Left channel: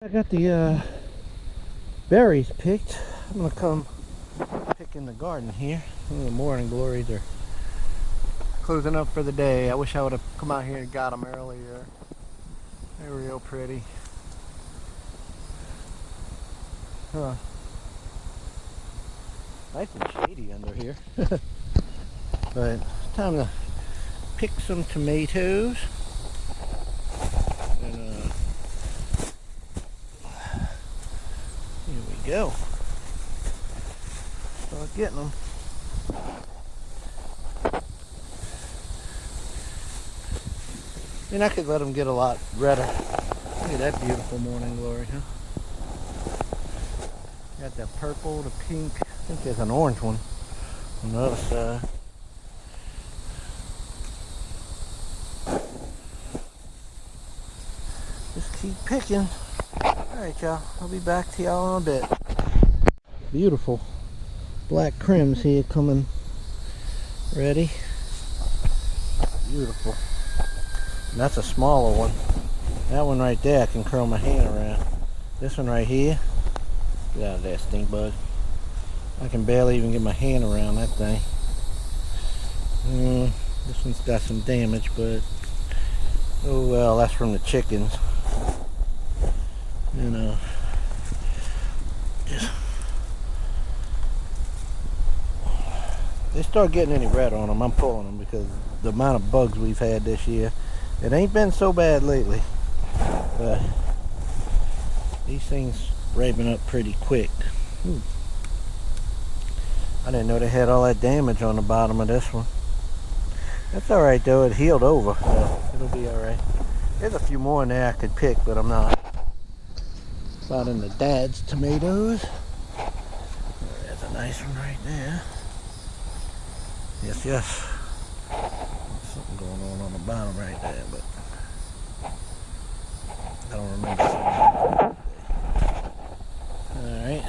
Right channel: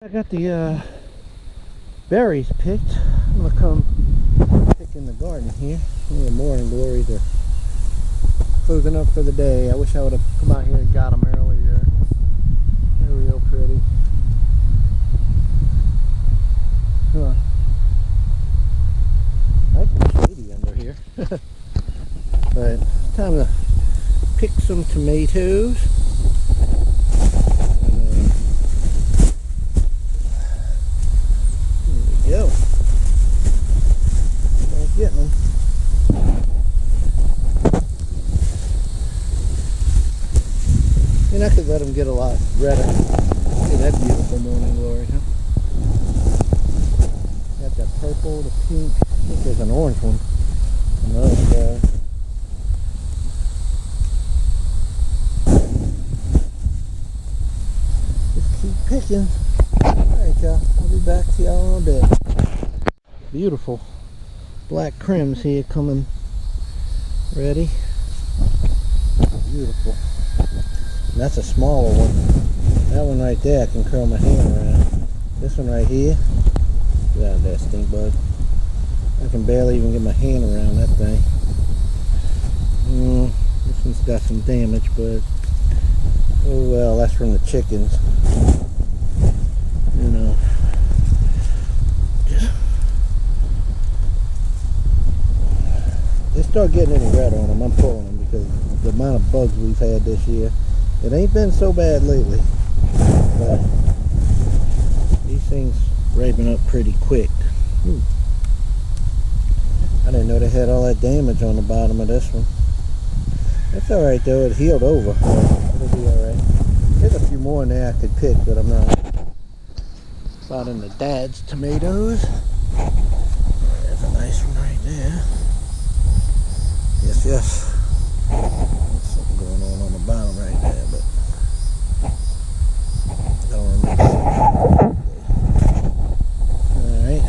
I got the berries picked. I'm gonna come pick in the garden here. The morning glories are closing up for the day. I wish I would have come out here and got them earlier. They're real pretty. Huh. Nice and shady under here. But it's time to pick some tomatoes. Here we go. Start getting them. And I could let them get a lot redder. Look at that beautiful morning glory, huh? Got that purple, the pink. I think there's an orange one on the other side. Just keep picking. Alright, y'all. I'll be back to y'all in a bit. Beautiful black crims here coming ready. Beautiful. And that's a smaller one. That one right there I can curl my hand around. This one right here, get out of there, stink bug. I can barely even get my hand around that thing. This one's got some damage, but oh well, that's from the chickens. You know, just, they start getting any red on them, I'm pulling them, because the amount of bugs we've had this year, it ain't been so bad lately, but these things ripen up pretty quick. I didn't know they had all that damage on the bottom of this one. That's alright though, it healed over, so it'll be alright. There's a few more in there I could pick, but I'm not. Out in the dad's tomatoes. Oh, there's a nice one right there. Yes, yes. There's something going on the bottom right there, but I don't remember. Alright.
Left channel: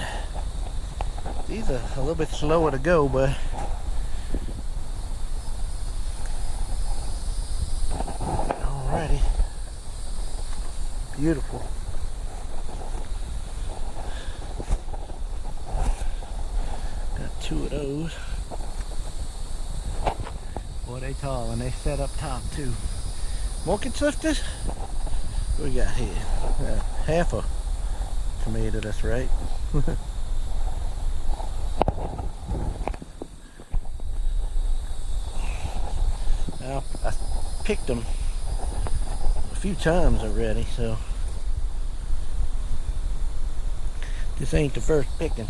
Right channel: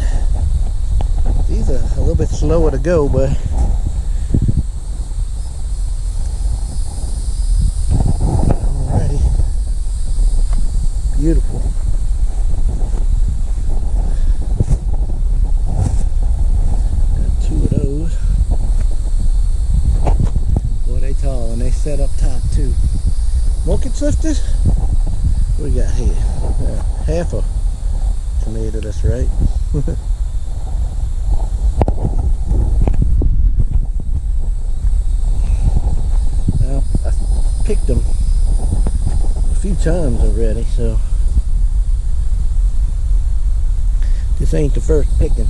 These are a little bit slower to go, but alrighty. Beautiful. Two of those. Boy, they tall and they set up top too. Market sisters? What we got here? Half a tomato, that's right. Now, I picked them a few times already, so this ain't the first picking.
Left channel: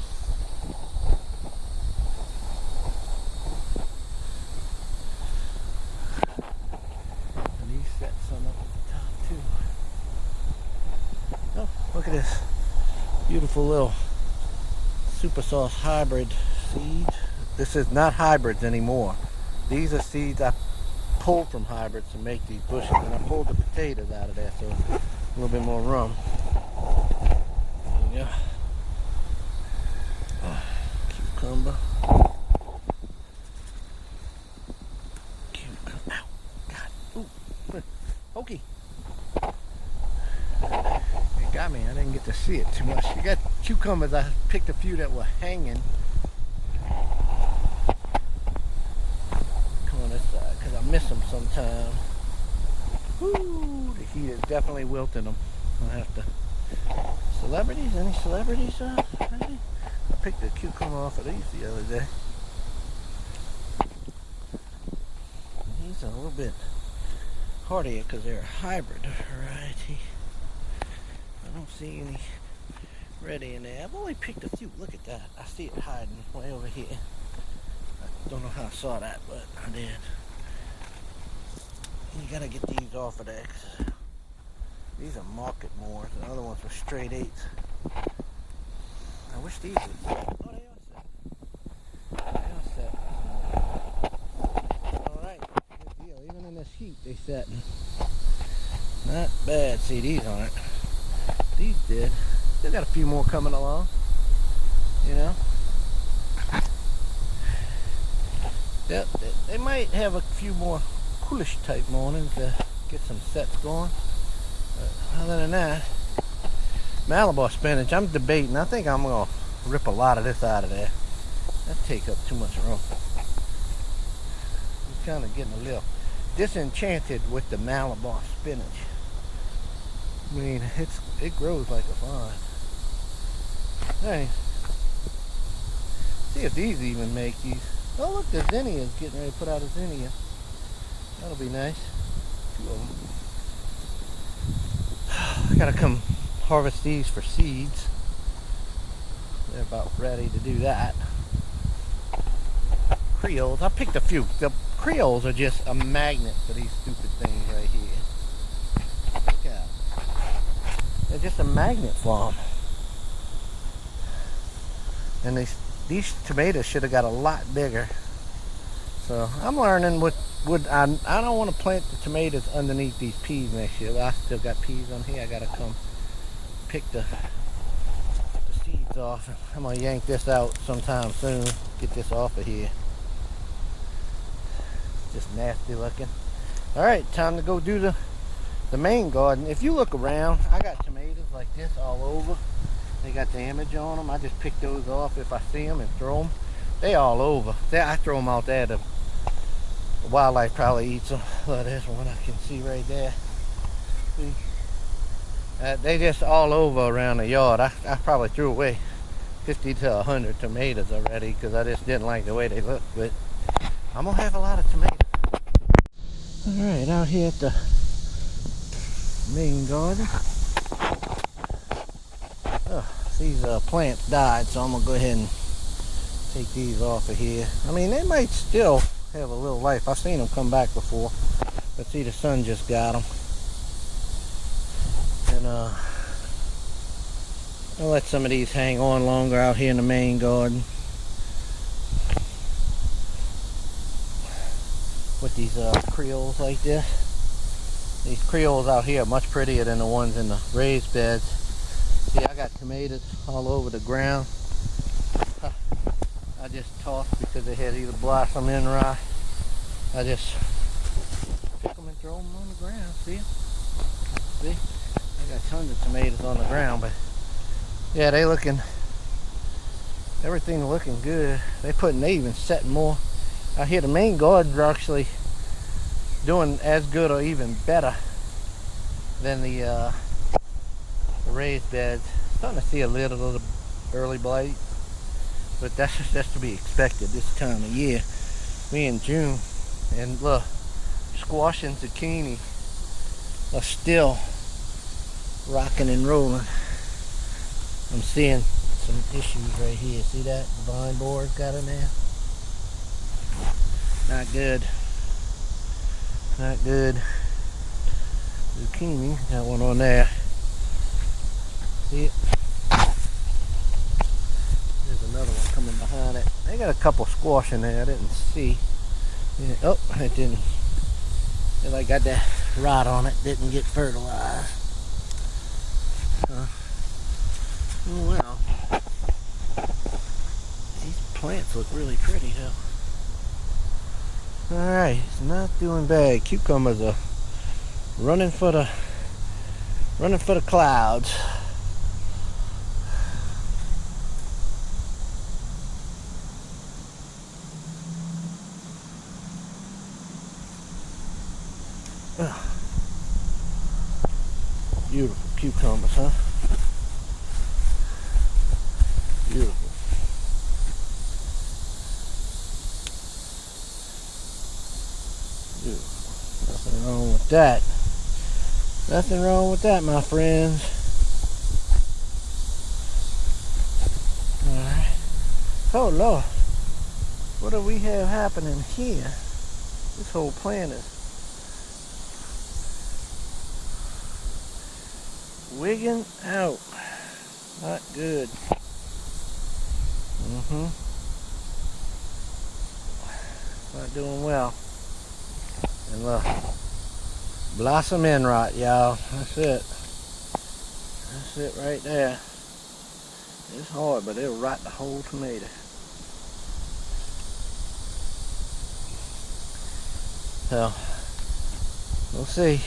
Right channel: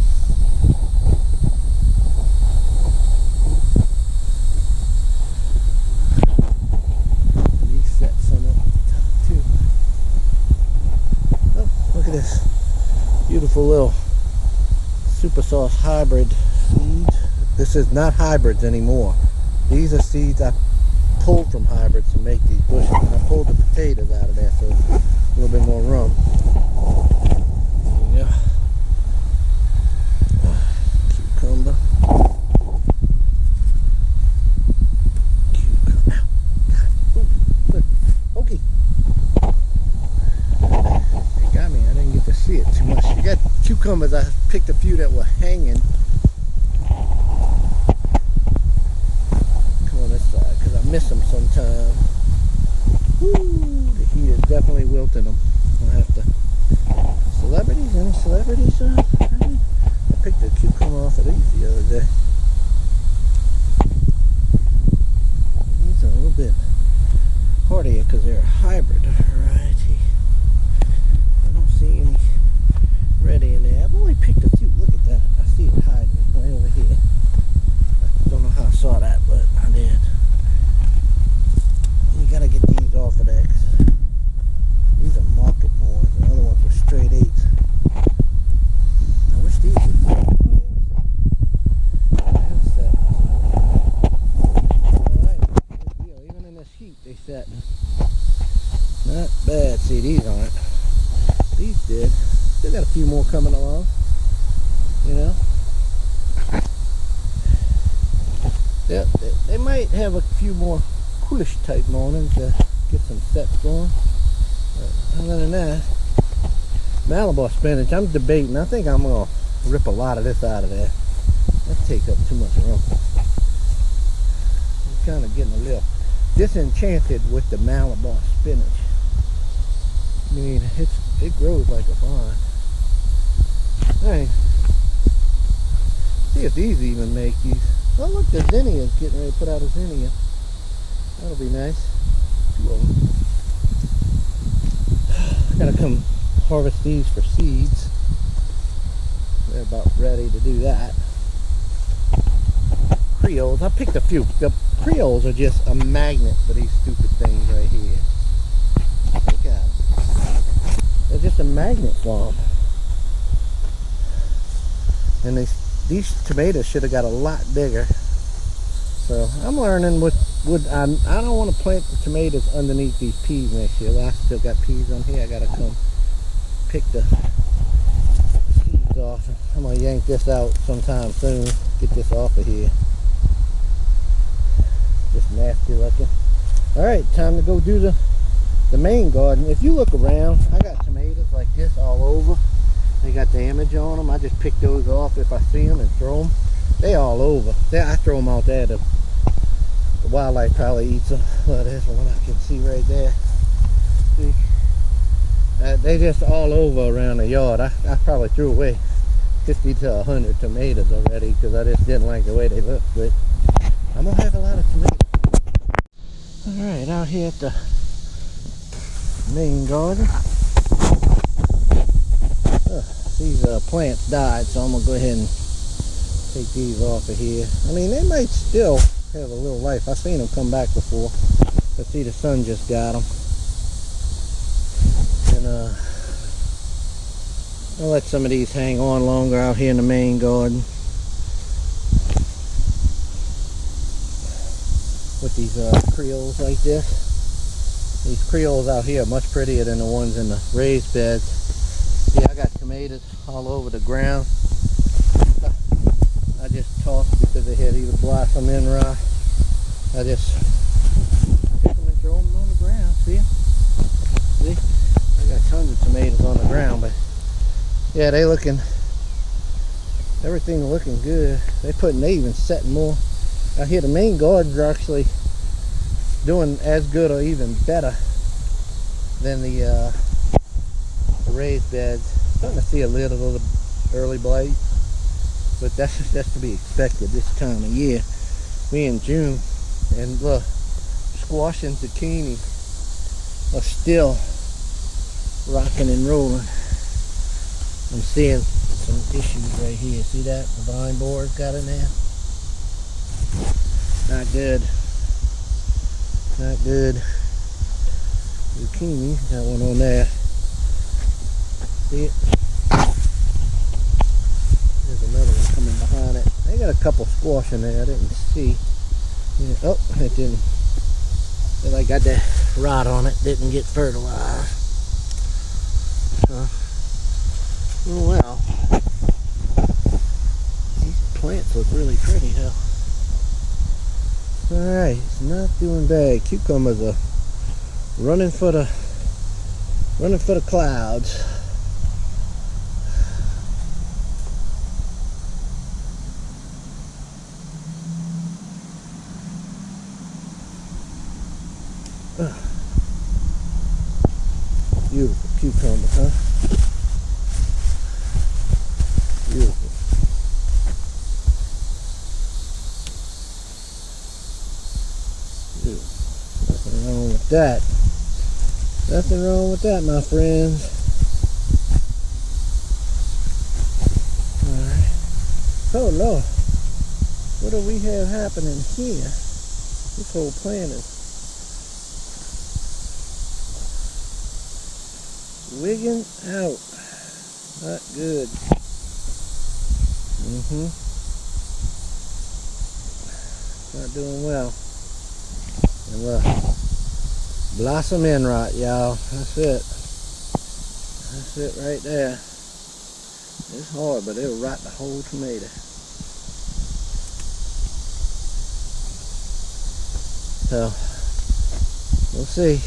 Look at this beautiful little super sauce hybrid seeds. This is not hybrids anymore. These are seeds I pulled from hybrids to make these bushes, and I pulled the potatoes out of there, so a little bit more room. There you go. Cucumber. Cucumber. Ow. God. Ooh. Look. Pokey. Got me. I didn't get to see it too much. You got cucumbers. I picked a few that were hanging. Come on this side because I miss them sometimes. Woo! The heat is definitely wilting them. I'll have to. Celebrities? Any celebrities? I picked a cucumber off of these the other day. These are a little bit hardier because they're a hybrid variety. I don't see any ready in there. I've only picked a few. Look at that. I see it hiding way over here. I don't know how I saw that, but I did. You gotta get these off of there. These are market moors. The other ones were straight 8s. I wish these would set. Oh, they are set. Alright. Good deal. Even in this heat, they set. Not bad. See, these aren't. These did. Still got a few more coming along, you know. Yep, they might have a few more coolish type mornings to get some sets going. But other than that, Malabar spinach, I'm debating. I think I'm gonna rip a lot of this out of there. That takes up too much room. I'm kind of getting a little disenchanted with the Malabar spinach. I mean, it grows like a vine. Hey, see if these even make these. Oh look, the zinnia is getting ready to put out a zinnia. That'll be nice. 2 of them. I gotta come harvest these for seeds. They're about ready to do that. Creoles, I picked a few. The Creoles are just a magnet for these stupid things right here. Look at them. They're just a magnet for them. And these tomatoes should have got a lot bigger. So I'm learning what I don't want to plant the tomatoes underneath these peas next year. I still got peas on here. I gotta come pick the seeds off. I'm gonna yank this out sometime soon. Get this off of here. Just nasty looking. All right, time to go do the main garden. If you look around, I got tomatoes like this all over. They got damage on them. I just pick those off if I see them and throw them. They all over. I throw them out there. The wildlife probably eats them. Well, there's one I can see right there. See? They just all over around the yard. I probably threw away 50 to 100 tomatoes already because I just didn't like the way they looked. But I'm gonna have a lot of tomatoes. All right, out here at the main garden. Oh, these plants died, so I'm gonna go ahead and take these off of here. I mean, they might still have a little life. I've seen them come back before. But see, the sun just got them. And I'll let some of these hang on longer out here in the main garden. With these Creoles like this. These Creoles out here are much prettier than the ones in the raised beds. Yeah, I got tomatoes all over the ground. I just tossed because they had either blossom in rot. I just pick them and throw them on the ground. See them? See? I got tons of tomatoes on the ground, but yeah, everything looking good. They even setting more. Out here, the main gardens are actually doing as good or even better than the raised beds. Starting to see a little of the early blight, but that's just to be expected this time of year. We in June, and look, squash and zucchini are still rocking and rolling. I'm seeing some issues right here. See that? The vine borer's got in there. Not good. Not good. Zucchini, got one on there. See it? There's another one coming behind it. They got a couple squash in there I didn't see. Yeah, oh, it didn't. It like got that rot on it. Didn't get fertilized. Oh well. These plants look really pretty though. Alright, it's not doing bad. Cucumbers are running for the clouds. Beautiful cucumbers, huh? Beautiful. Beautiful. Nothing wrong with that. Nothing wrong with that, my friends. Alright. Oh Lord. What do we have happening here? This whole plant is wigging out. Not good. Not doing well. And look, blossom end rot, y'all. That's it. That's it right there. It's hard, but it'll rot the whole tomato. So, we'll see.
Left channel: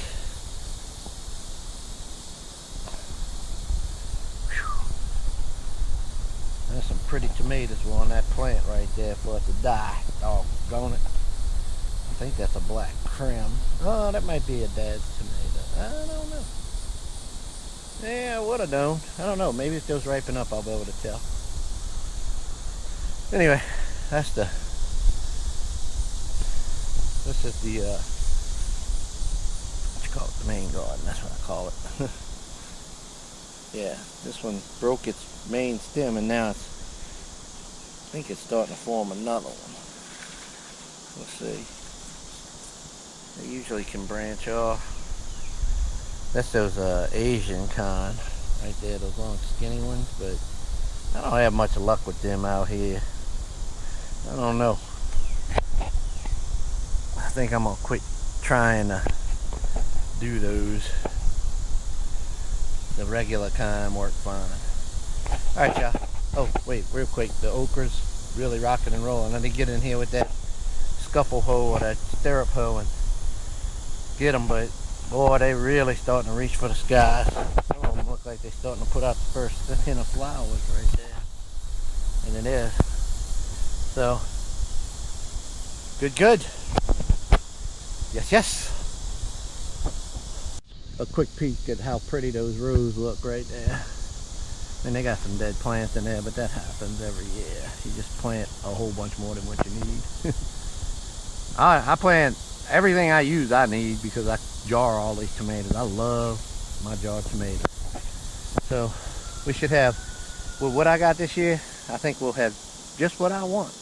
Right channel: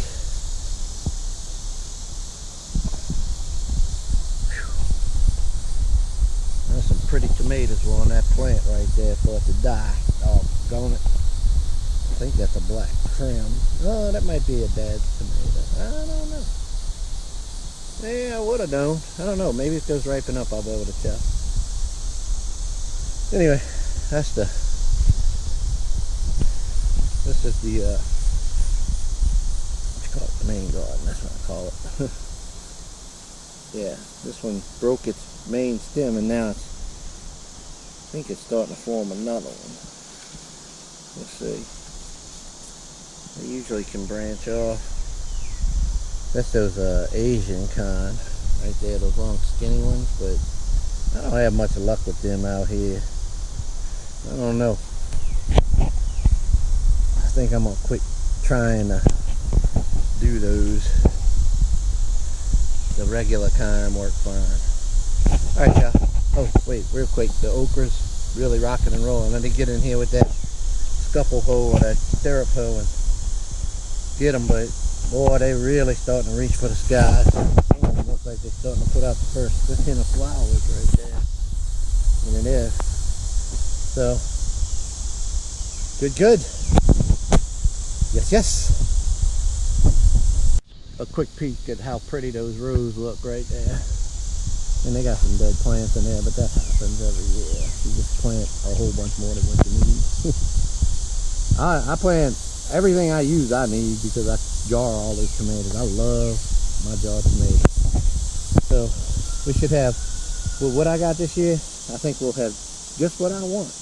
There's some pretty tomatoes on that plant right there for it to die. Doggone it. I think that's a black crim. Oh, that might be a dad's tomato. I don't know. Yeah, I would have known. I don't know. Maybe if those ripen up, I'll be able to tell. Anyway, this is the, what you call it? The main garden. That's what I call it. Yeah, this one broke its main stem, and now I think it's starting to form another one. We'll see. They usually can branch off. That's those Asian kind right there, those long skinny ones, but I don't have much luck with them out here. I don't know. I think I'm gonna quit trying to do those. The regular kind work fine. Alright, y'all. Oh, wait, real quick. The okra's really rocking and rolling. I didn't get in here with that scuffle hoe or that stirrup hoe and get them, but boy, they really starting to reach for the sky. Some of them look like they're starting to put out the first hint of flowers right there. And it is. So, good. Yes. A quick peek at how pretty those rows look right there. And they got some dead plants in there, but that happens every year. You just plant a whole bunch more than what you need. I plant everything I use I need because I jar all these tomatoes. I love my jarred tomatoes. So we should have, with what I got this year, I think we'll have just what I want.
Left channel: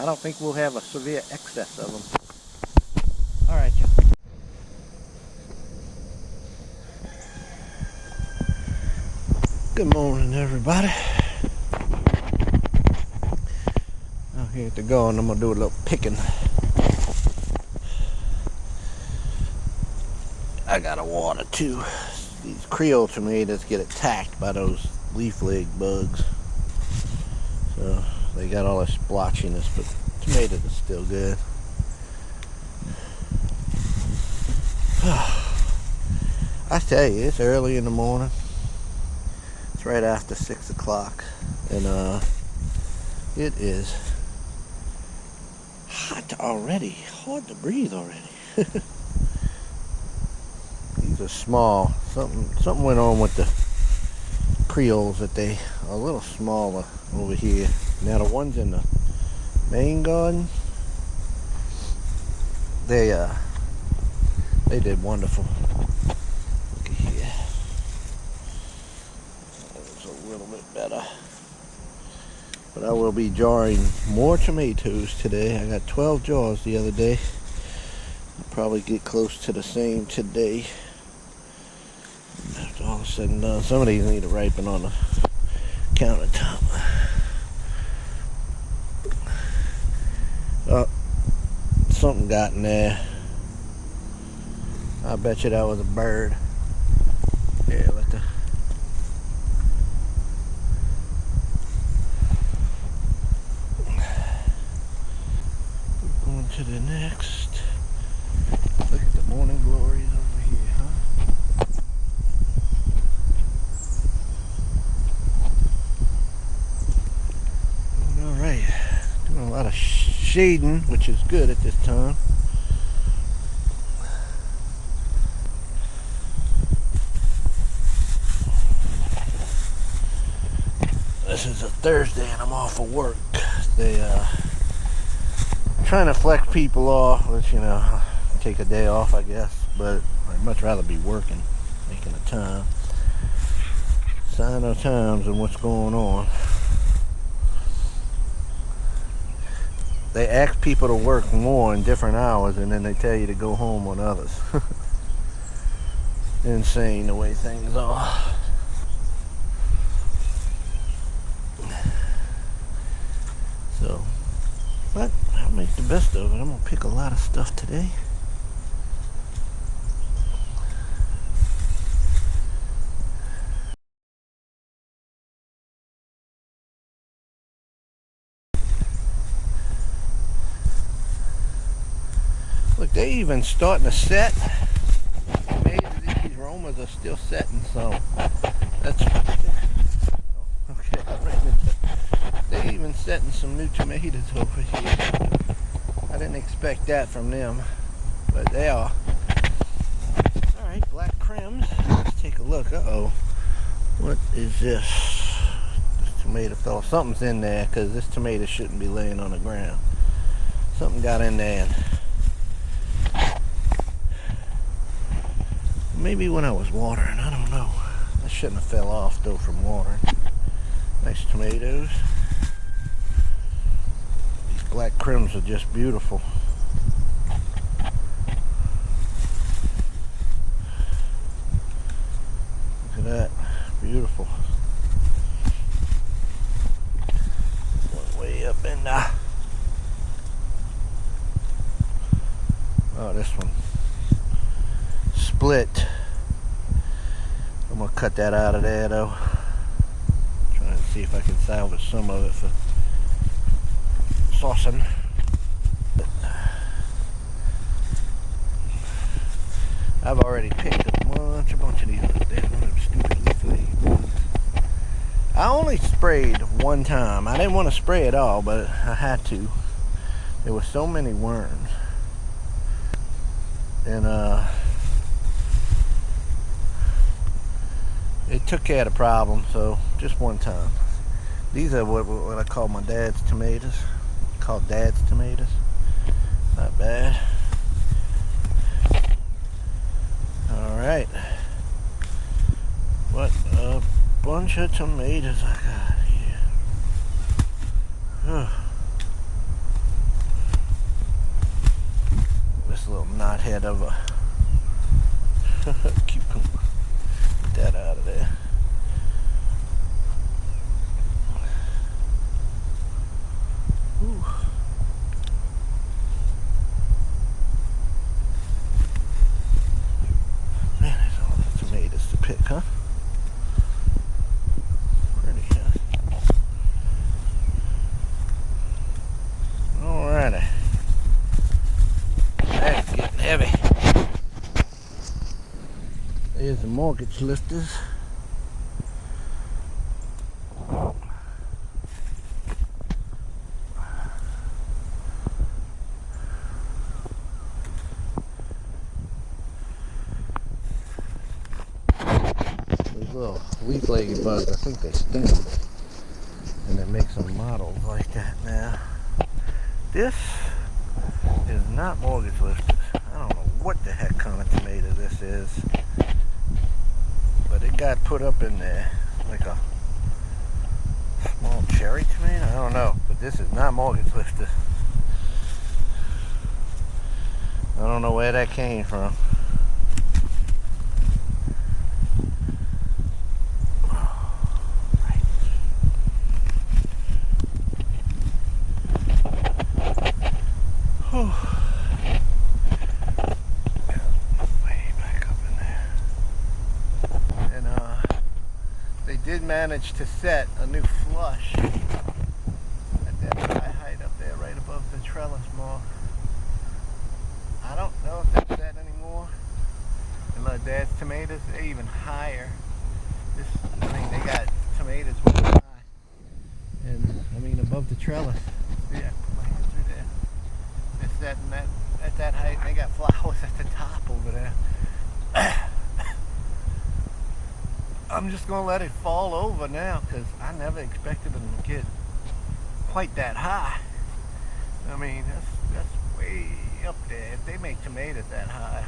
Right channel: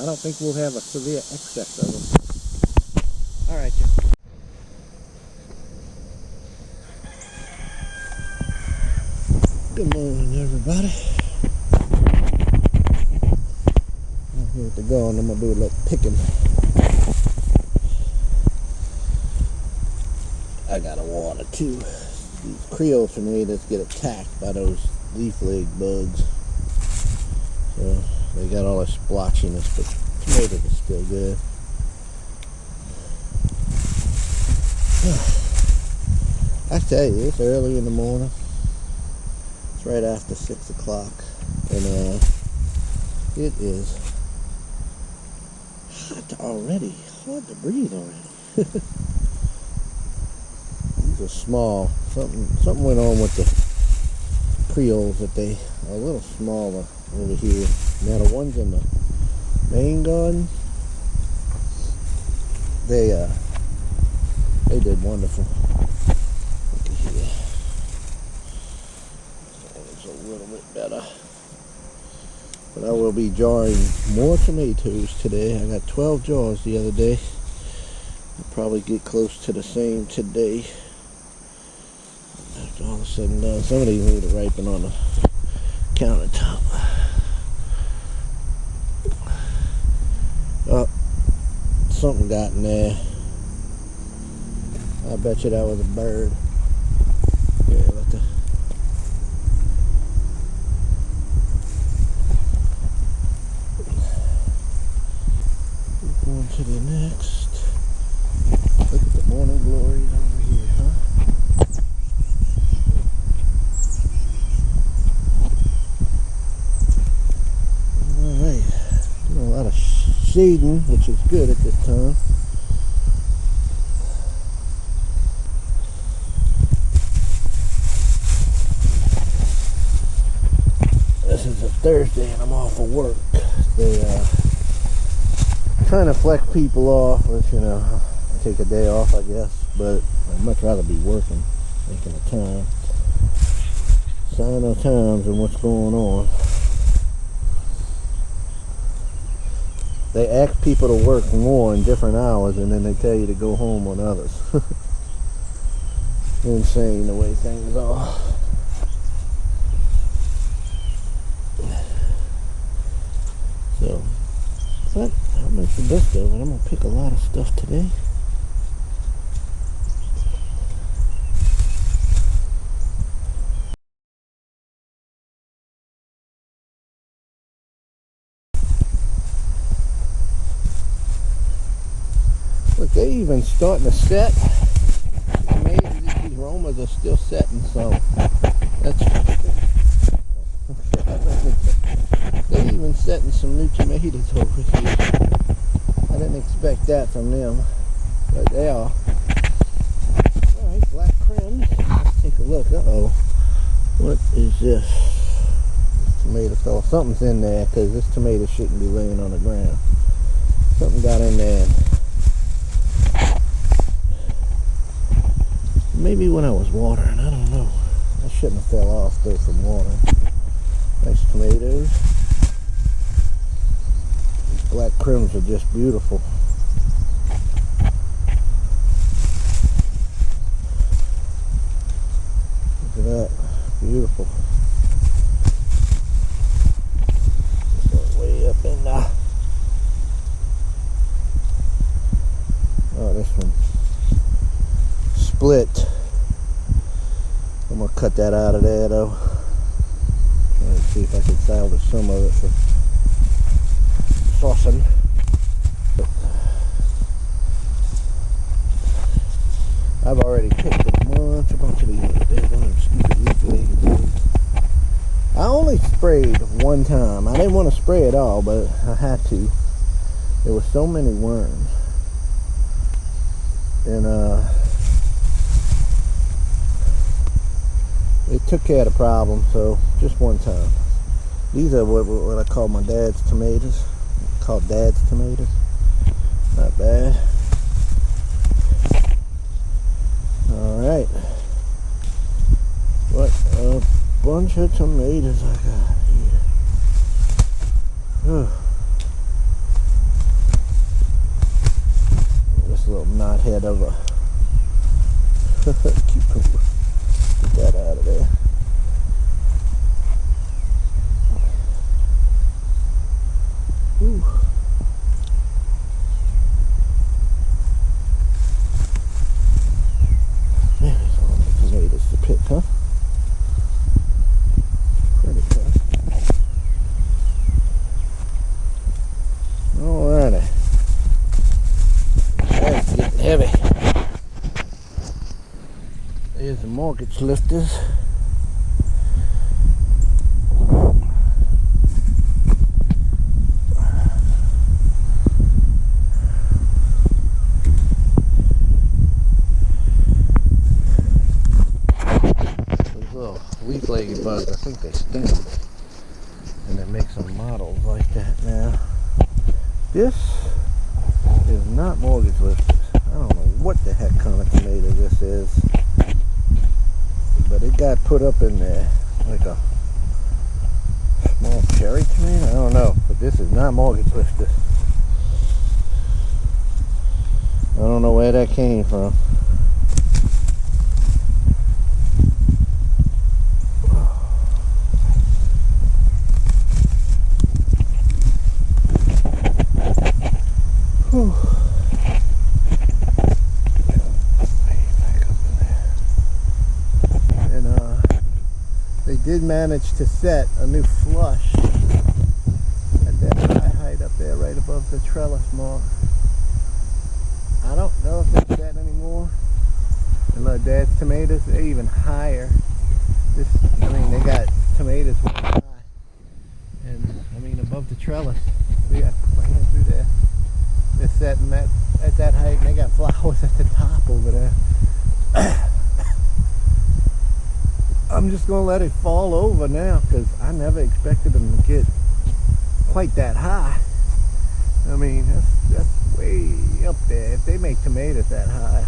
I don't think we'll have a severe excess of them. All right, y'all. Good morning, everybody. Out here at the garden, I'm gonna do a little picking. I gotta water too. These Creole tomatoes get attacked by those leaf leg bugs, so they got all this splotchiness, but tomatoes are still good. I tell you, it's early in the morning. It's right after 6 o'clock, and it is hot already. Hard to breathe already. These are small. Something went on with the Creoles that they are a little smaller over here. Now the ones in the main garden, they did wonderful. Look at here. It's a little bit better. But I will be jarring more tomatoes today. I got 12 jars the other day. I'll probably get close to the same today. After all is said and done, some of these need to ripen on the countertop. Oh, something got in there. I bet you that was a bird. Yeah, let the going to the next. Look at the morning glories over here, huh? Doing all right. Doing a lot of shading, which is good at this time. This is a Thursday and I'm off of work. They trying to flex people off, which, you know, take a day off, I guess, but I'd much rather be working, making a time. Sign of times and what's going on. They ask people to work more in different hours and then they tell you to go home on others. Insane the way things are. So, but I'll make the best of it. I'm gonna pick a lot of stuff today. Look, they even starting to set. It's amazing that these aromas are still setting, so that's okay. I ran into They even setting some new tomatoes over here. I didn't expect that from them, but they are. Alright, black crims. Let's take a look. Uh-oh. What is this? This tomato fell. Something's in there, because this tomato shouldn't be laying on the ground. Something got in there. Maybe when I was watering, I don't know. I shouldn't have fell off though from watering. Nice tomatoes. These black crims are just beautiful. Look at that. Beautiful. This one way up in there. Oh, this one split. I'm gonna cut that out of there though. Trying to see if I can salvage some of it for saucing. I've already picked a bunch of these. There's one of them stupid leaf-legged bugs. I only sprayed one time. I didn't want to spray it all, but I had to. There were so many worms. And it took care of the problem, so just one time. These are what I call my dad's tomatoes. Called dad's tomatoes. Not bad. Alright. What a bunch of tomatoes I got here. This little knothead of a cucumber. Get that out of there. Ooh. Man, there's all the tomatoes to pick, huh? Pretty, huh? Alrighty. Bag's getting heavy. There's the mortgage lifters. Those little leaf-legged bugs, I think they sting them. And they make some models like that now. This is not mortgage lifters. I don't know what the heck kind of tomato this is. But it got put up in there like a small cherry tomato. I don't know, but this is not mortgage lifters. I don't know where that came from. Whew. They did manage to set a new flush at that high height up there right above the trellis mark. I don't know if that's set anymore. And look, dad's tomatoes, they're even higher. I mean, they got tomatoes way high. And I mean, above the trellis. See, I put my hand through there. They're setting that at that height, and they got flowers at the top over there. I'm just gonna let it fall over now, because I never expected them to get quite that high. I mean, that's way up there. If they make tomatoes that high,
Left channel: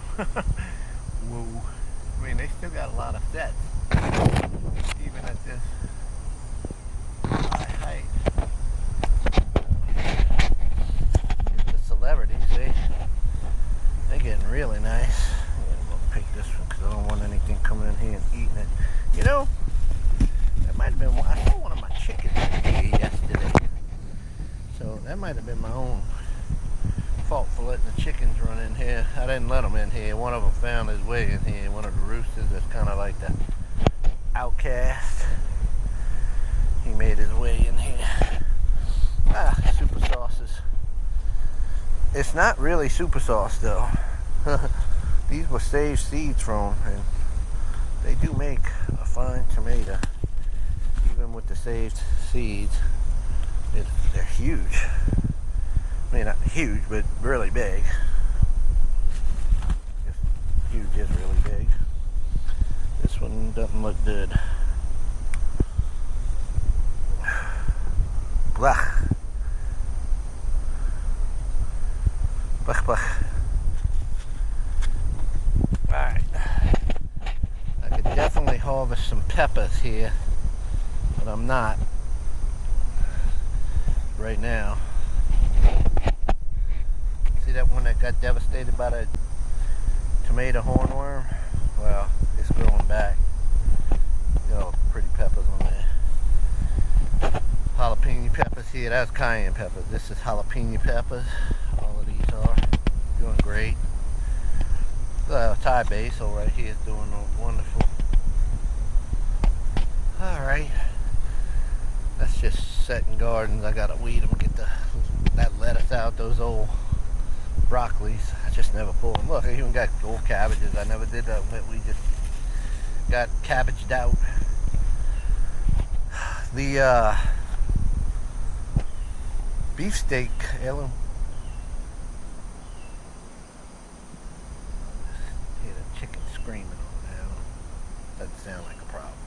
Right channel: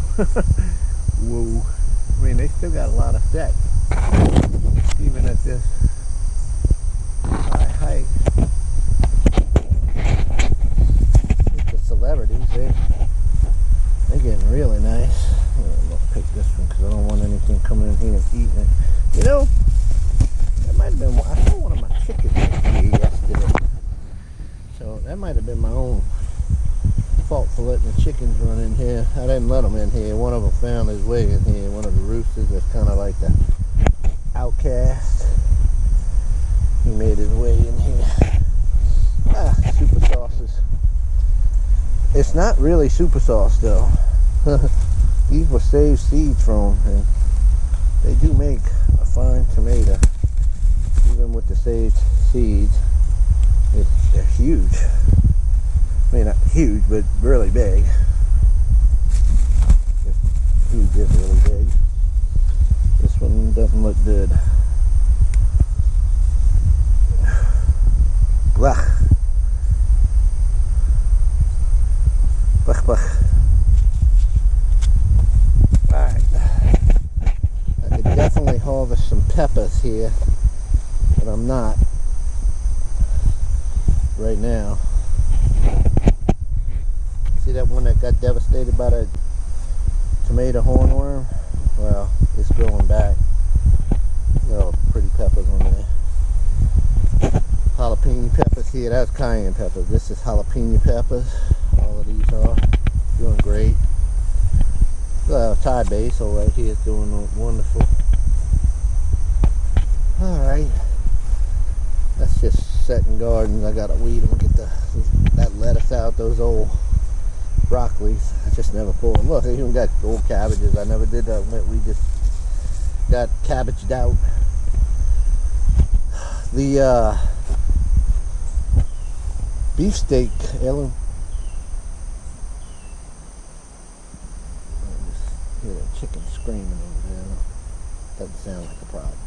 whoa. I mean, they still got a lot of sets, even at this high height. It's the celebrities, they're getting really nice. I'm gonna pick this one because I don't want anything coming in here and eating it. You know, that might have been, I saw one of my chickens in here yesterday. So that might have been my own fault for letting the chickens run in here. I didn't let them in here. One of them found his way in here. One of the roosters that's kind of like the outcast. He made his way in here. Ah, super sauces. It's not really super sauce though. These were saved seeds from, and they do make a fine tomato, even with the saved seeds. They're huge. I mean, not huge, but really big. Huge is really big. This one doesn't look good. Blah. Blah, blah. Alright. I could definitely harvest some peppers here, but I'm not right now. See that one that got devastated by the tomato hornworm? Well, it's growing back. Got all the pretty peppers on there. Jalapeno peppers here. That's cayenne peppers. This is jalapeno peppers. All of these are doing great. Thai basil right here is doing wonderful. Alright. That's just setting gardens. I gotta weed them, get that lettuce out, those old broccolis. I just never pull them. Look, I even got old cabbages. I never did that. We just got cabbaged out. The beefsteak heirloom. I just hear the chicken screaming over there. Doesn't sound like a problem.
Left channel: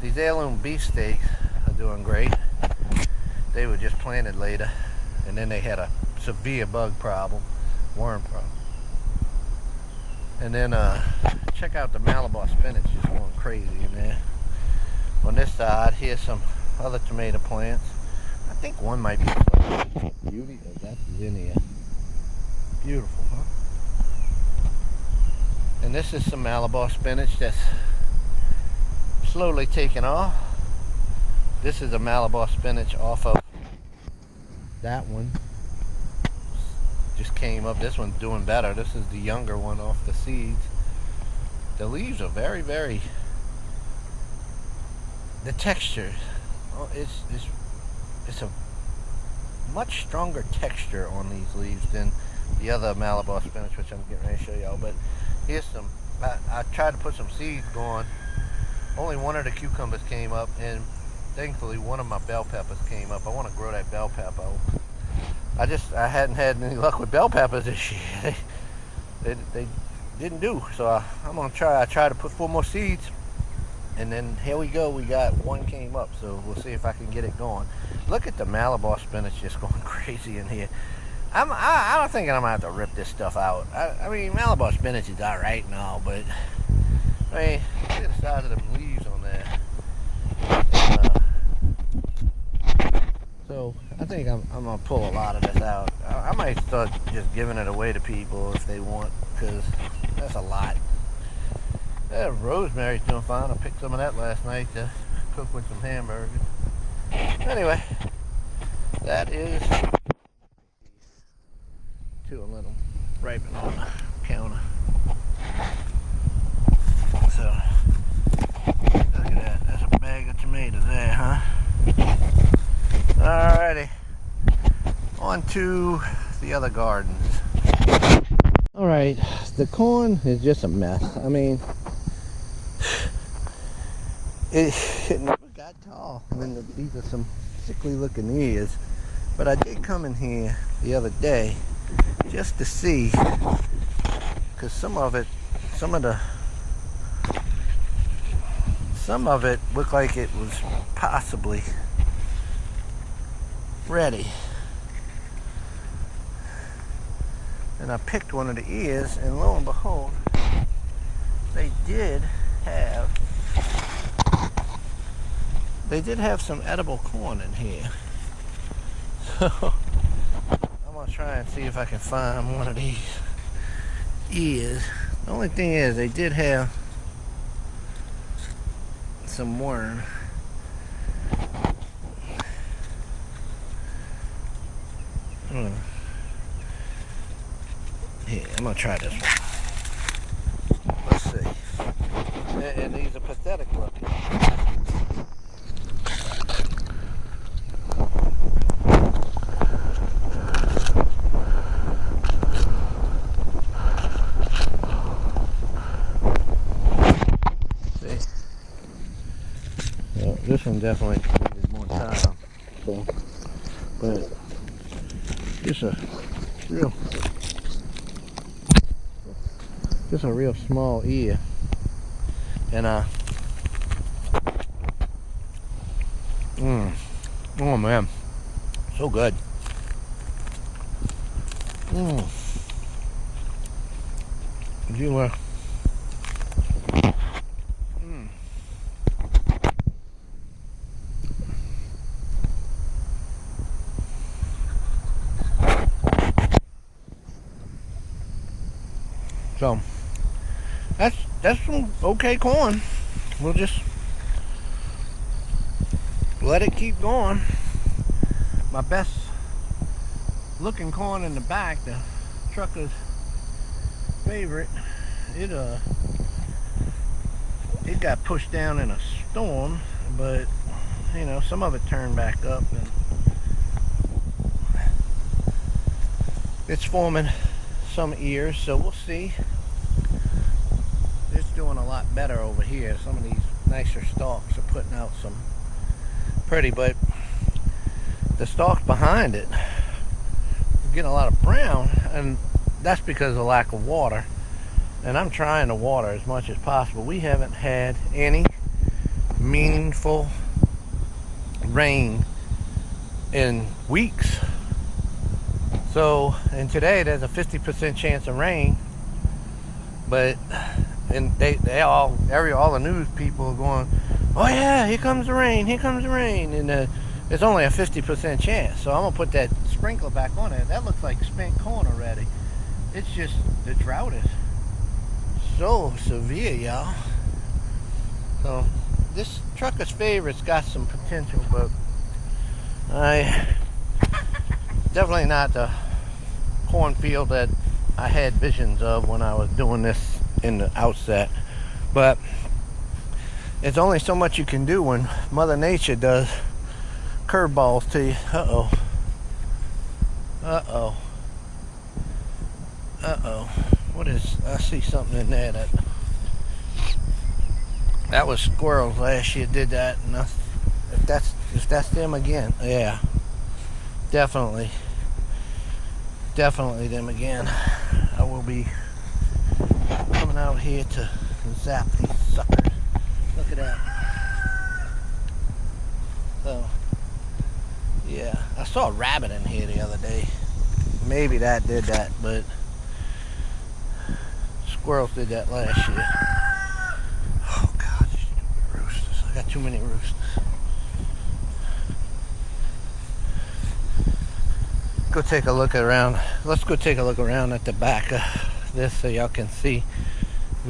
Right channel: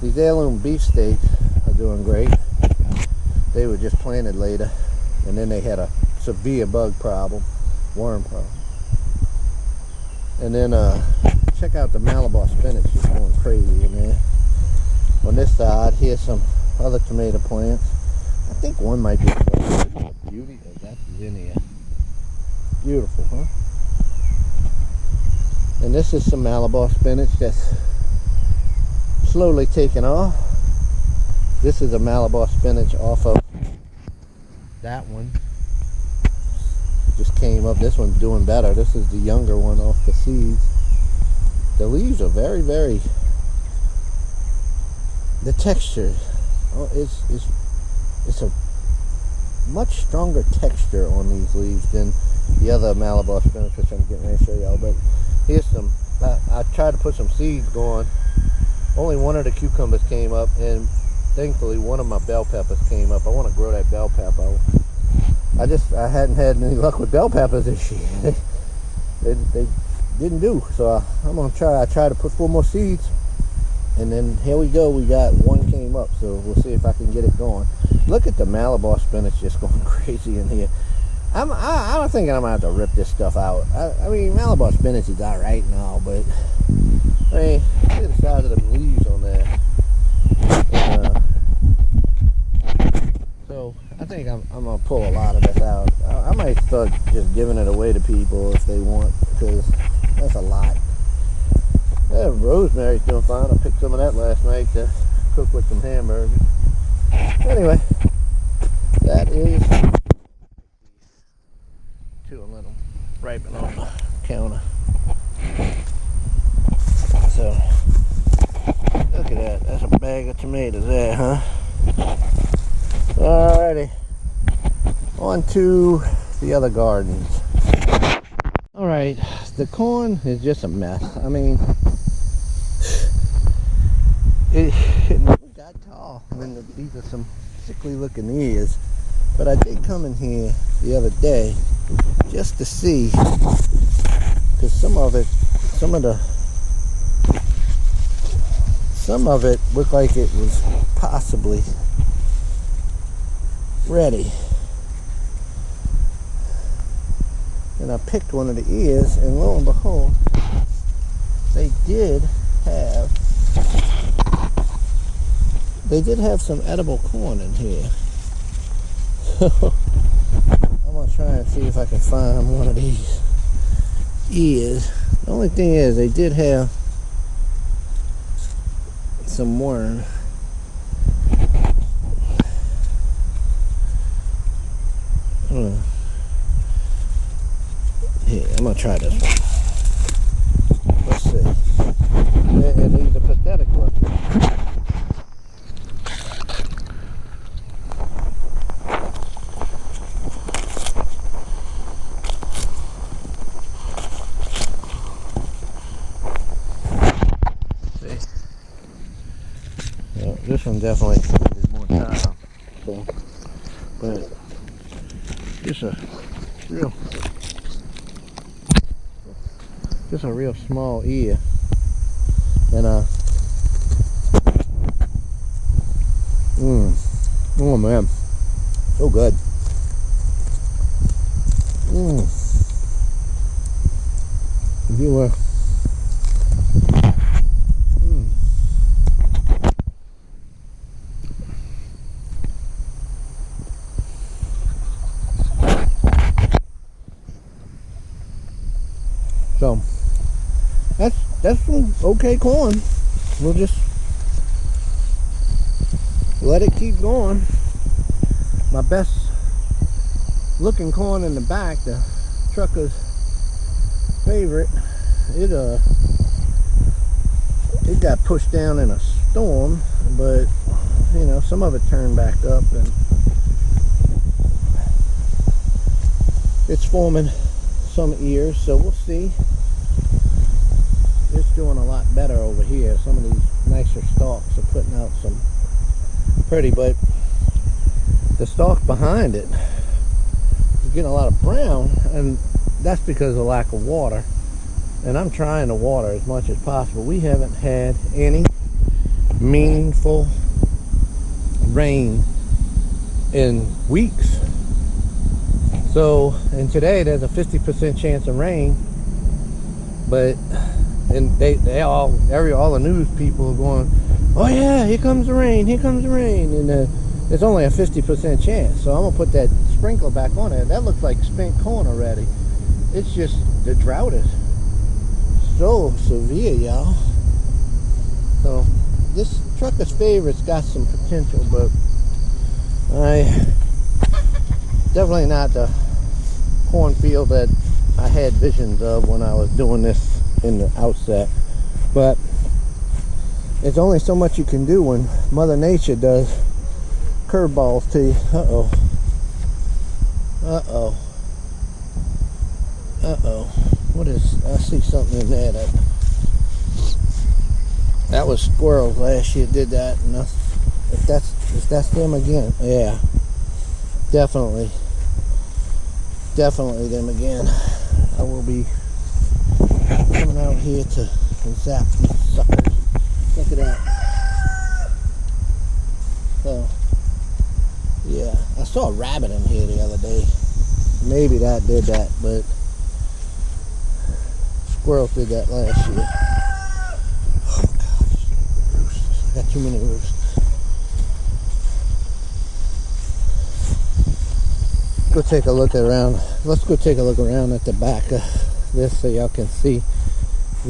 These heirloom beefsteaks are doing great. They were just planted later, and then they had a severe bug problem, worm problem. And then check out the Malabar spinach, just going crazy in there. On this side, here's some other tomato plants. I think one might be a flesh. Isn't a beauty? Oh, that's zinnia. Beautiful, huh? And this is some Malabar spinach that's slowly taking off. This is a Malabar spinach off of that one. Just came up. This one's doing better. This is the younger one off the seeds. The leaves are very, very, the texture, oh, it's a much stronger texture on these leaves than the other Malabar spinach, which I'm getting ready to show y'all. But here's some, I tried to put some seeds going. Only one of the cucumbers came up, and thankfully one of my bell peppers came up. I want to grow that bell pepper. I hadn't had any luck with bell peppers this year. They didn't do. So I'm gonna try. I tried to put 4 more seeds, and then here we go. We got one came up, so we'll see if I can get it going. Look at the Malabar spinach just going crazy in here. I'm thinking I'm gonna have to rip this stuff out. I mean, Malabar spinach is all right and all, but I mean, look at the size of them leaves on there. And, so I think I'm gonna pull a lot of this out. I might start just giving it away to people if they want, because that's a lot. Yeah, rosemary's doing fine. I picked some of that last night to cook with some hamburgers. Anyway, that is two and let them ripen on the counter. So look at that. That's a bag of tomatoes there, huh? Alrighty, on to the other gardens. Alright, the corn is just a mess. I mean, it never got tall. I mean, these are some sickly looking ears. But I did come in here the other day just to see, because some of it looked like it was possibly ready. And I picked one of the ears, and lo and behold, they did have some edible corn in here. So I'm gonna try and see if I can find one of these ears. The only thing is, they did have some worm. Here, I'm gonna try this one. Let's see. And these are pathetic looking. See? Well, this one definitely needed more time. So but just a real small ear. And oh man, so good. So that's some okay corn. We'll just let it keep going. My best looking corn in the back, the trucker's favorite, it got pushed down in a storm, but you know, some of it turned back up and it's forming some ears, so we'll see. It's doing a lot better over here. Some of these nicer stalks are putting out some pretty, but the stalks behind it are getting a lot of brown, and that's because of lack of water. And I'm trying to water as much as possible. We haven't had any meaningful rain in weeks. So, and today there's a 50% chance of rain, but and all the news people are going, oh yeah, here comes the rain, here comes the rain, and it's only a 50% chance. So I'm gonna put that sprinkler back on it. That looks like spent corn already. It's just the drought is so severe, y'all. So this trucker's favorite's got some potential, but definitely not the cornfield that I had visions of when I was doing this in the outset. But it's only so much you can do when Mother Nature does curveballs to you. What is, I see something in there that was squirrels last year did that, and if that's them again, yeah, definitely them again. I will be coming out here to zap these suckers. Look at that. So yeah, I saw a rabbit in here the other day. Maybe that did that, but squirrels did that last year. Oh God, these stupid roosters. I got too many roosters. Go take a look around. Let's go take a look around at the back of this so y'all can see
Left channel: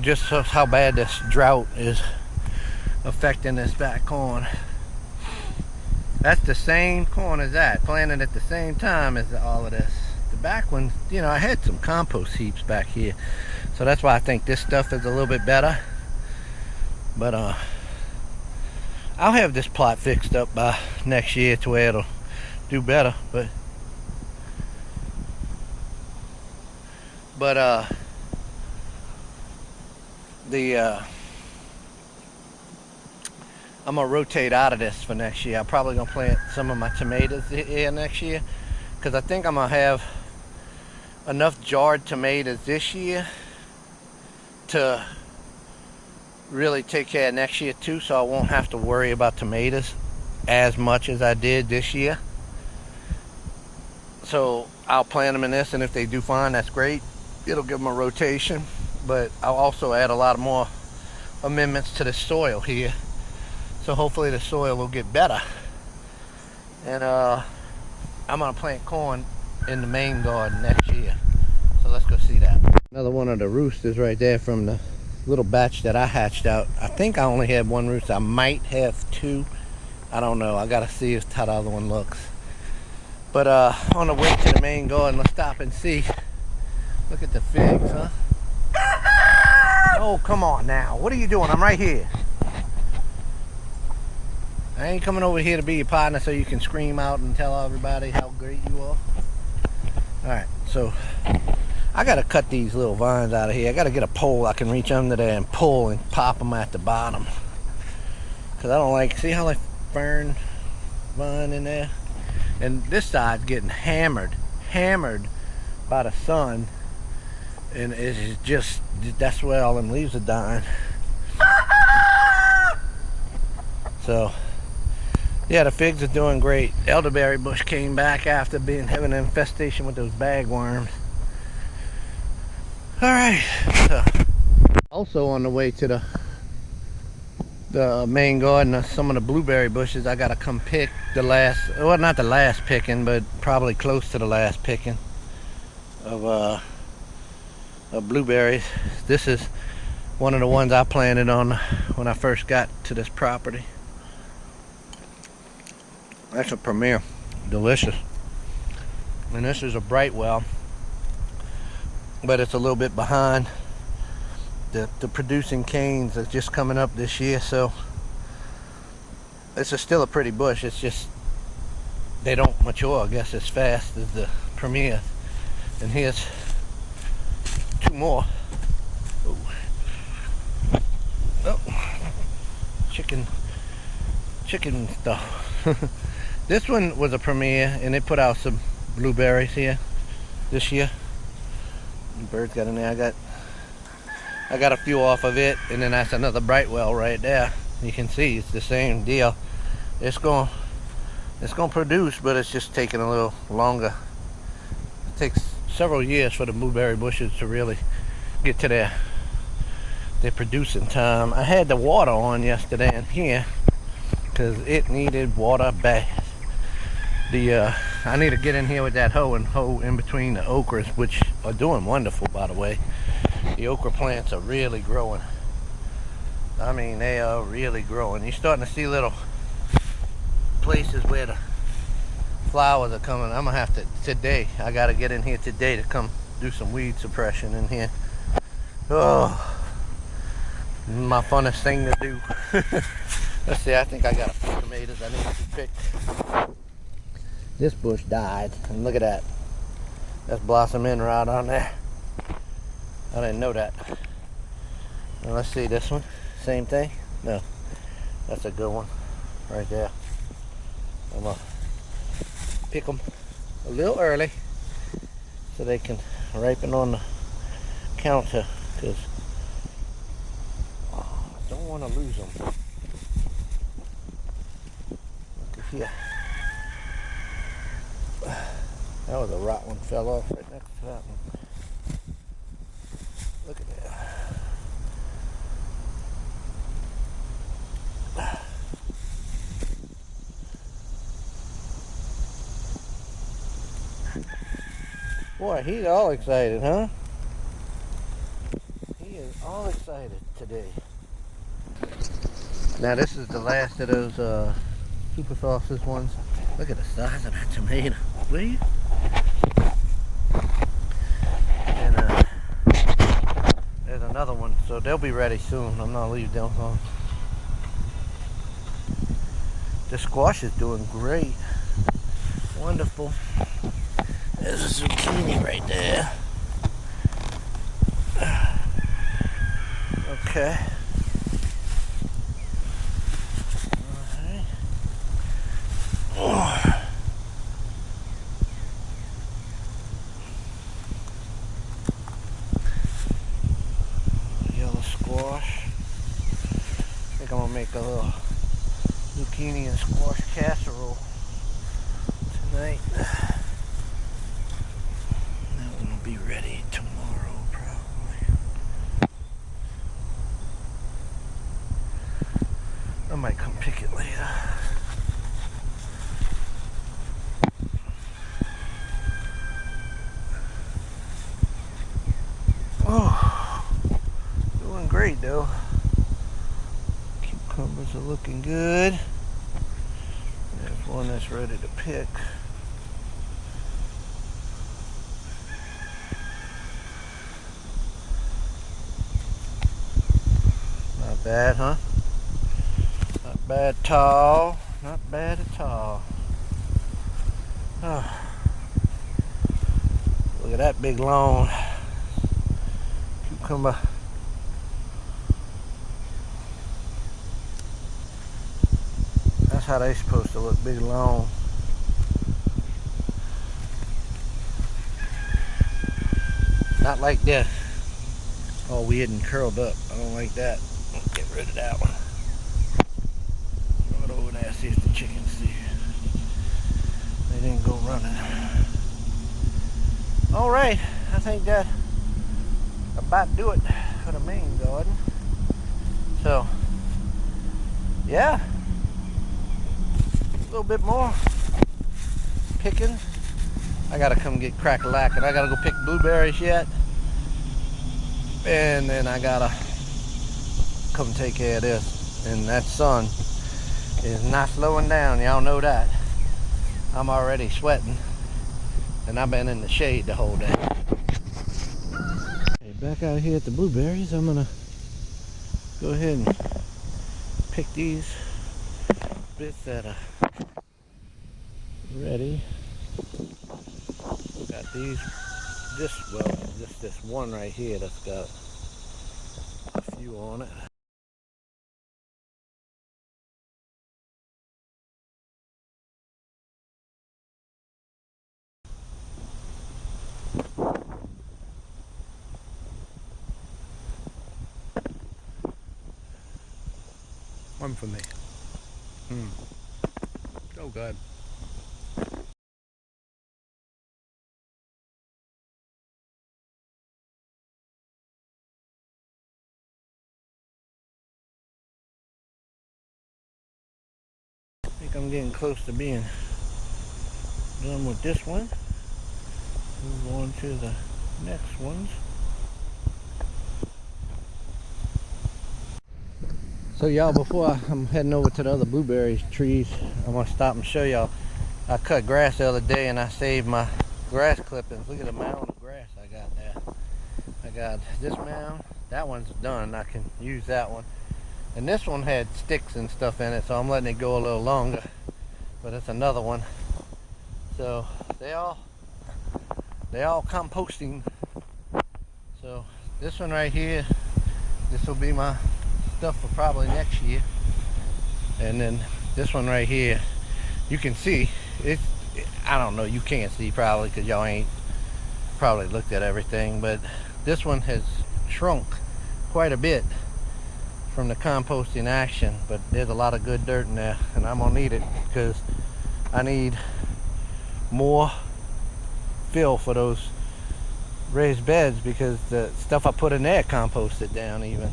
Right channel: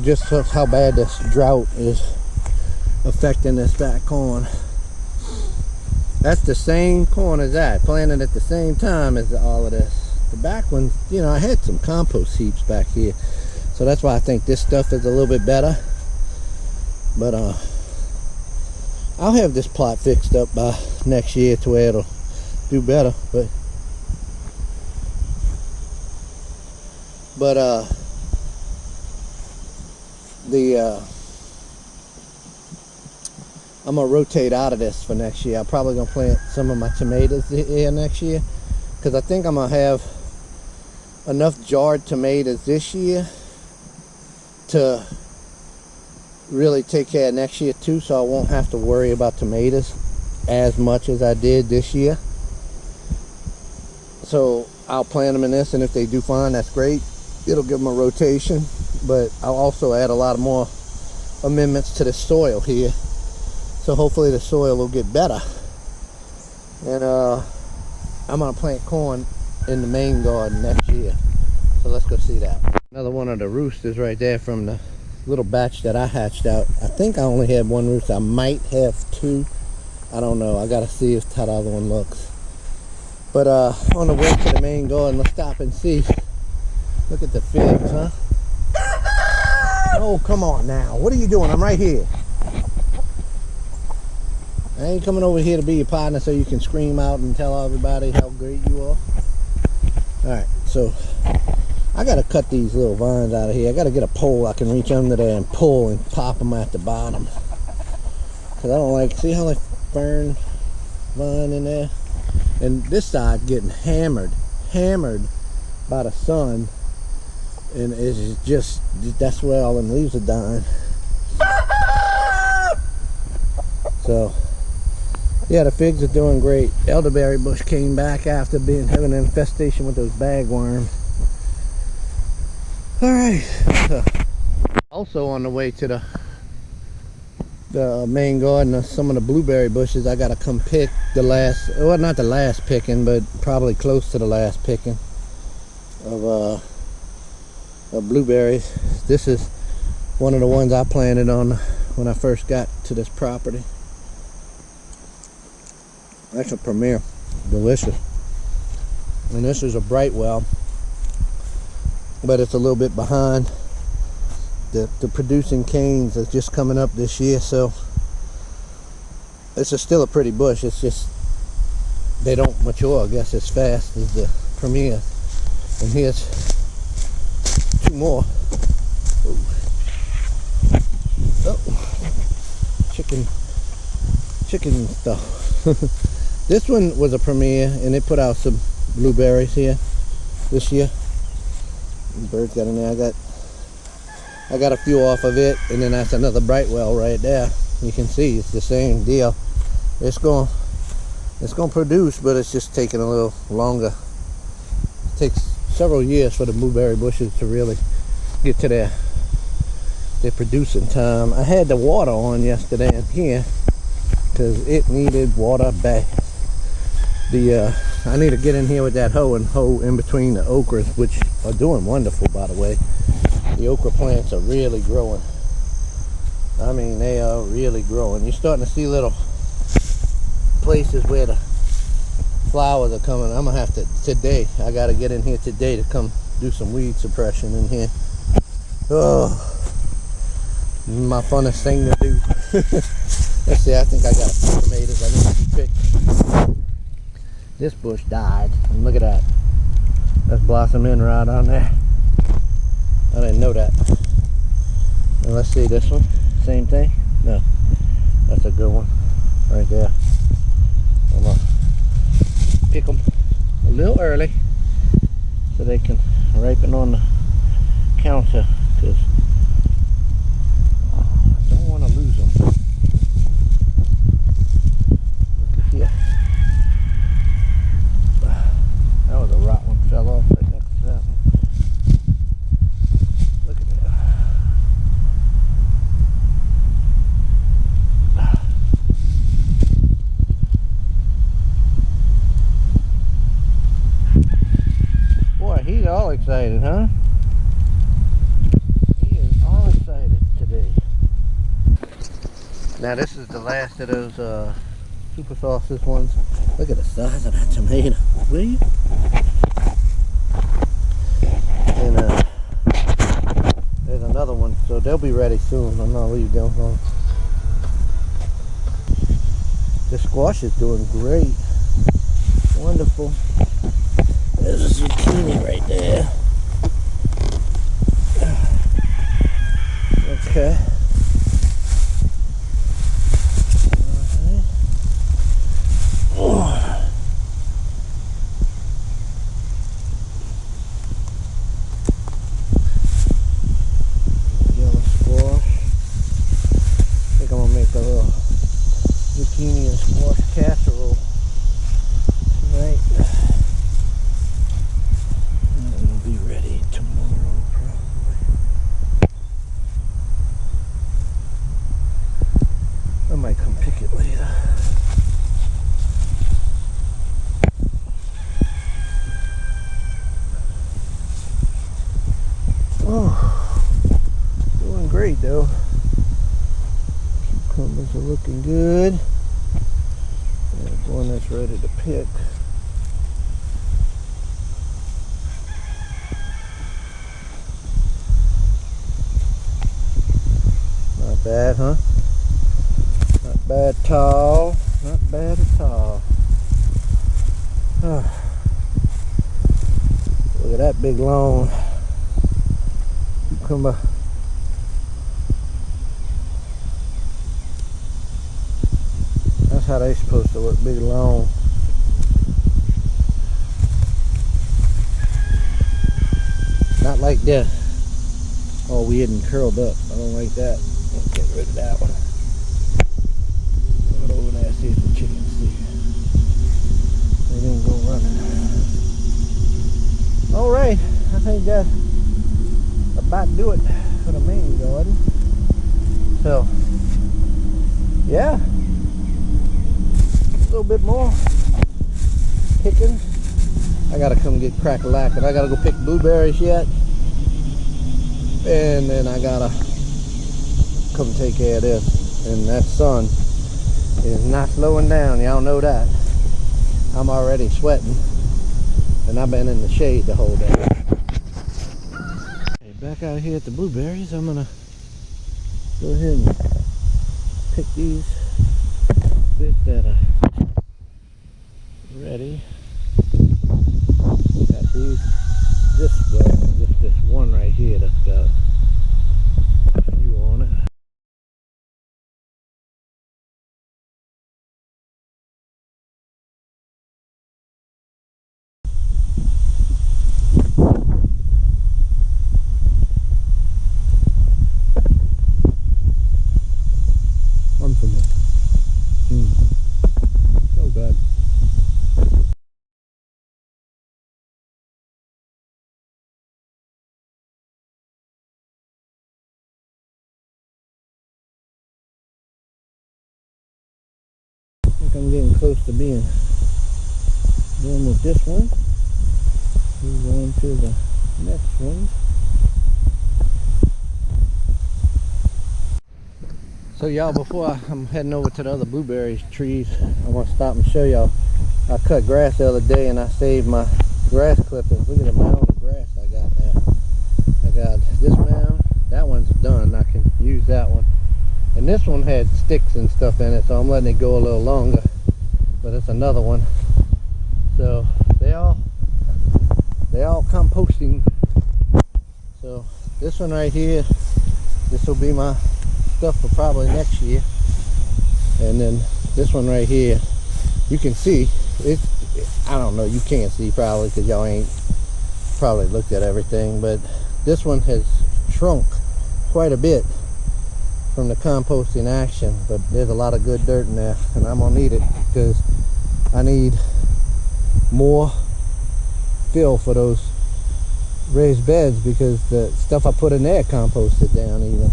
just how bad this drought is affecting this back corn. That's the same corn as that, planted at the same time as all of this. The back one, you know, I had some compost heaps back here, so that's why I think this stuff is a little bit better. But I'll have this plot fixed up by next year to where it'll do better. But I'm gonna rotate out of this for next year. I'm probably gonna plant some of my tomatoes here next year, because I think I'm gonna have enough jarred tomatoes this year to really take care of next year too, so I won't have to worry about tomatoes as much as I did this year. So I'll plant them in this, and if they do fine, that's great. It'll give them a rotation, but I'll also add a lot more amendments to the soil here, so hopefully the soil will get better. And I'm gonna plant corn in the main garden next year, so let's go see that. Another one of the roosters right there from the little batch that I hatched out. I think I only had one rooster. I might have two, I don't know. I gotta see how the other one looks. But on the way to the main garden, let's stop and see. Look at the figs, huh? Oh, come on now. What are you doing? I'm right here. I ain't coming over here to be your partner so you can scream out and tell everybody how great you are. Alright, so I gotta cut these little vines out of here. I gotta get a pole I can reach under there and pull and pop them at the bottom. Because I don't like, see how I fern vine in there? and this side's getting hammered by the sun, and it's just, that's where all them leaves are dying. So yeah, the figs are doing great. Elderberry bush came back after having an infestation with those bagworms. All right, so also on the way to the main garden, some of the blueberry bushes, I gotta come pick the last, well, not the last picking, but probably close to the last picking of blueberries. This is one of the ones I planted on when I first got to this property. That's a premier, delicious. And this is a Brightwell, but it's a little bit behind. The producing canes are just coming up this year, so this is still a pretty bush. It's just they don't mature, I guess, as fast as the premier. And here's two more. Oh, chicken stuff. This one was a premier, and it put out some blueberries here this year. The birds got in there. I got a few off of it, and then that's another Brightwell right there. You can see it's the same deal. It's going to produce, but it's just taking a little longer. It takes several years for the blueberry bushes to really get to their producing time. I had the water on yesterday in here because it needed water bad. I need to get in here with that hoe and hoe in between the okras, which are doing wonderful, by the way. The okra plants are really growing. I mean, they are really growing. You're starting to see little places where the flowers are coming. I'm gonna have to today. I gotta get in here today to come do some weed suppression in here. Oh, my funnest thing to do. Let's see. I think I got a few tomatoes I need to be picked. This bush died, and look at that. That's blossoming right on there. I didn't know that. Well, let's see this one. Same thing? No. That's a good one. Right there. I'm going to pick them a little early so they can ripen on the counter, because I don't want to lose them. Look here. That was a rot one. Fell off right next to that one. Look at that. Boy, he's all excited, huh? He is all excited today. Now this is the last of those super sauces ones. Look at the size of that tomato. Will you? And there's another one, so they'll be ready soon. I'm not leaving them home. The squash is doing great. Wonderful. There's a zucchini right there. Okay. Okay. Oh. Make a little zucchini and squash casserole tonight. That one will be ready tomorrow, probably. I might come pick it later. Oh, doing great though. Cucumbers are looking good. There's one that's ready to pick. Not bad, huh? Not bad at all. Not bad at all. Oh. Look at that big long cucumber. That's how they supposed to look, big long. Not like this. All weird and curled up. I don't like that. Let's get rid of that one. Throw it over there, see if the chickens see. They didn't go running. Alright, I think that about do it for the main garden. So, yeah. A little bit more picking. I gotta come get crack-a-lackin'. I gotta go pick blueberries yet. And then I gotta come take care of this. And that sun is not slowing down, y'all know that. I'm already sweating, and I've been in the shade the whole day. Okay, back out here at the blueberries, I'm gonna go ahead and pick these bits that are ready. Got these, just this one right here that's got a few on it. One for me. Oh God. I think I'm getting close to being done with this one. Move on to the next ones. So y'all, before I'm heading over to the other blueberry trees, I want to stop and show y'all. I cut grass the other day and I saved my grass clippings. Look at the mound of grass I got there. I got this mound. That one's done. I can use that one. And this one had sticks and stuff in it, so I'm letting it go a little longer. But it's another one. So they all composting. So this one right here, this will be my stuff for probably next year. And then this one right here, you can see it's, I don't know, you can't see probably because y'all ain't probably looked at everything, but this one has shrunk quite a bit from the composting action, but there's a lot of good dirt in there, and I'm gonna need it because I need more fill for those raised beds, because the stuff I put in there composted down even.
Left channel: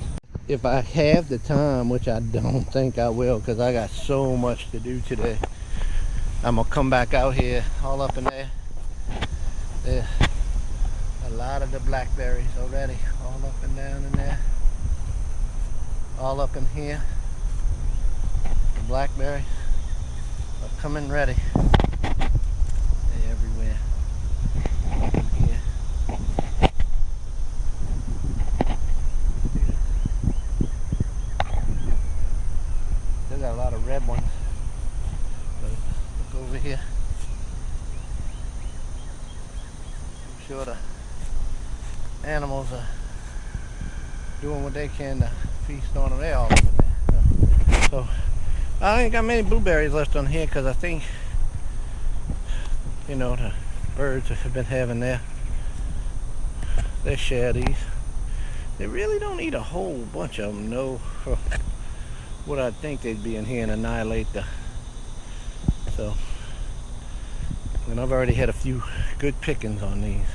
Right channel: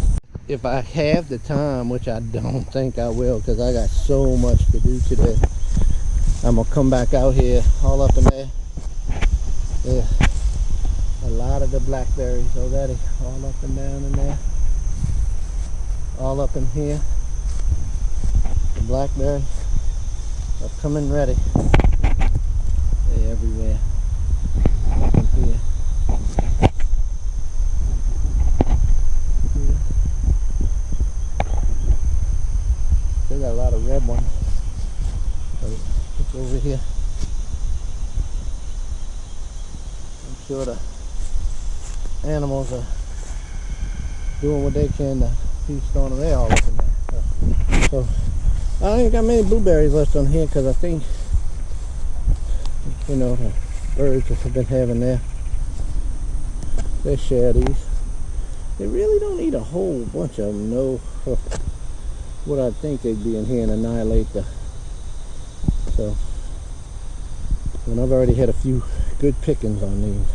If I have the time, which I don't think I will because I got so much to do today, I'm gonna come back out here all up in there. There's a lot of the blackberries already, all up and down in there, all up in here. The blackberries are coming ready. They're everywhere up in here. See that? Still got a lot of red ones. But look over here. I'm sure the animals are doing what they can to feast on them. They're all up in there. So I ain't got many blueberries left on here because I think, you know, the birds have been having their share of these. They really don't eat a whole bunch of them, no. What I think they'd be in here and annihilate the. So, and I've already had a few good pickings on these.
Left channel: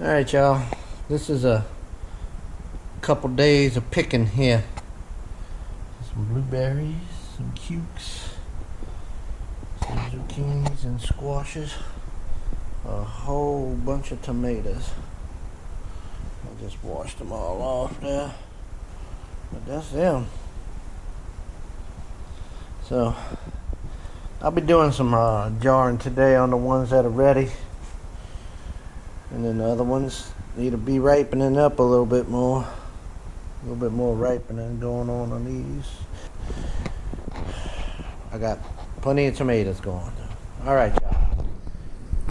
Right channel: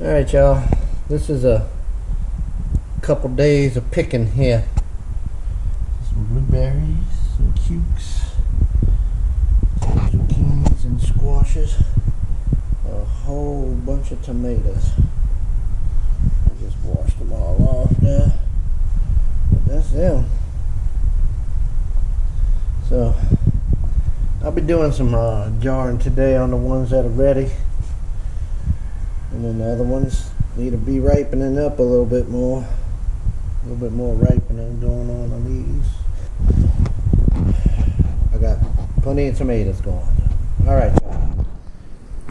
All right, y'all. This is a couple days of picking here. Some blueberries, some cukes, some zucchinis and squashes, a whole bunch of tomatoes. I just washed them all off there, but that's them. So I'll be doing some jarring today on the ones that are ready, and then the other ones need to be ripening up a little bit more ripening going on these. I got plenty of tomatoes going. All right.